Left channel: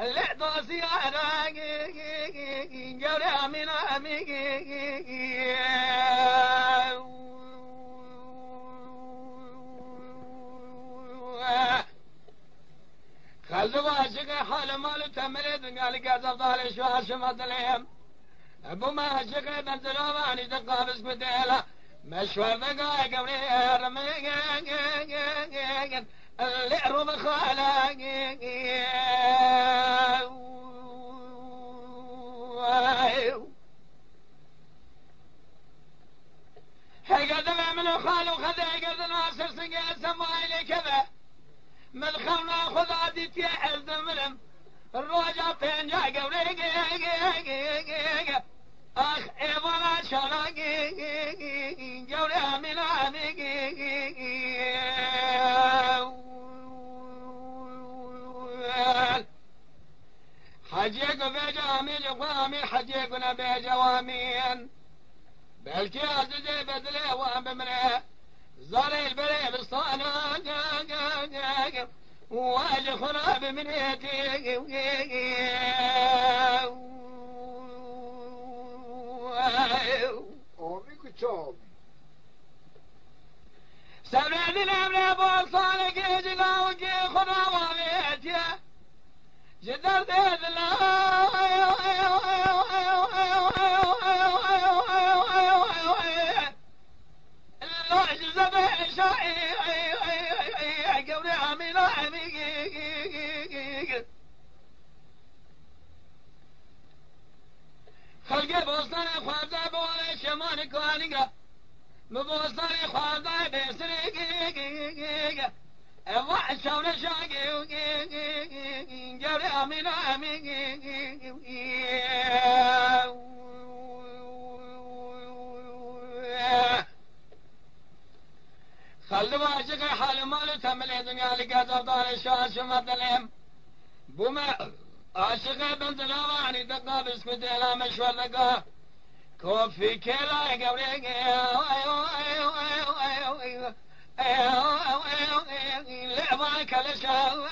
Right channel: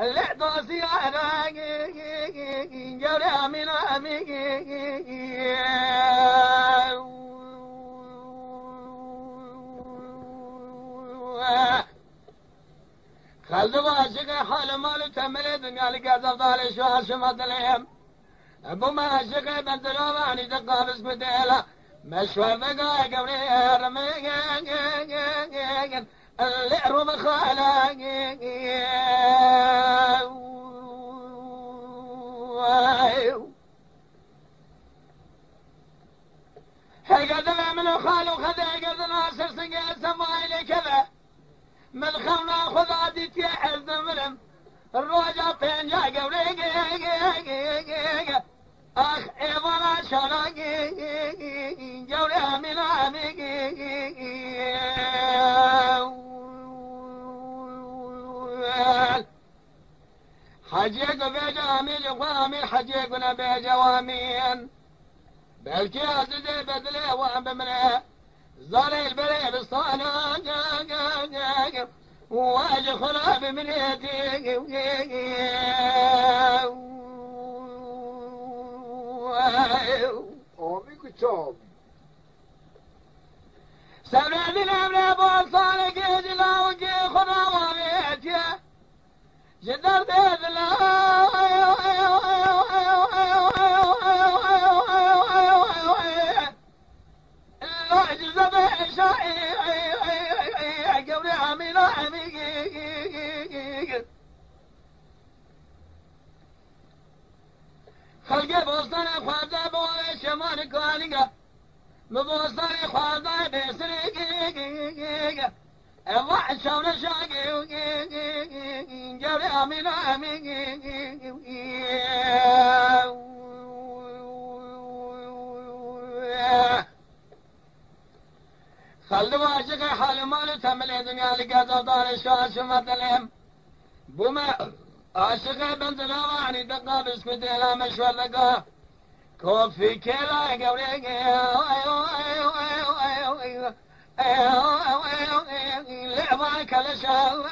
اللي دوسي أنا جرى من خلوا عاشق حال مال تمرد قال قاعد ضال شو عشمت لهم ابو ما عاشق بنتلواني تقابس بديلا مشوى بقى قبري رمي اللي رب خالق هيقدر من خالو خذ هيقدر ناصر سنقى سمايلي كذا من خلنا خذ عديت يا حزن مرم الرجع فين جا قبري اخ ايضا شرق قولي من عميق حجيق بجامل قوامي حجيقنا بجوامين بلكي عزيزي بدلي وبمري زالي البري بسطانا واجي خراب من يدي سبعد الأمر بوصالك يجلا وجي خراب بيتي جدر ديد الله جزب شائي قولي عمينا عميق خلقي بوصاني خوابدا بولي شماني كوانيقا مبوصاني خوابدا بيسريقا الله شاونا شاقي قولي عمينا عميق خلوا عاشق حال مال تملي دنيا لقاطع دار شاش مثلهم بما عاشق بنت نواني دقا بسكت لا مشوار لقا كوفي كلا قولي لعبا كلا شاوي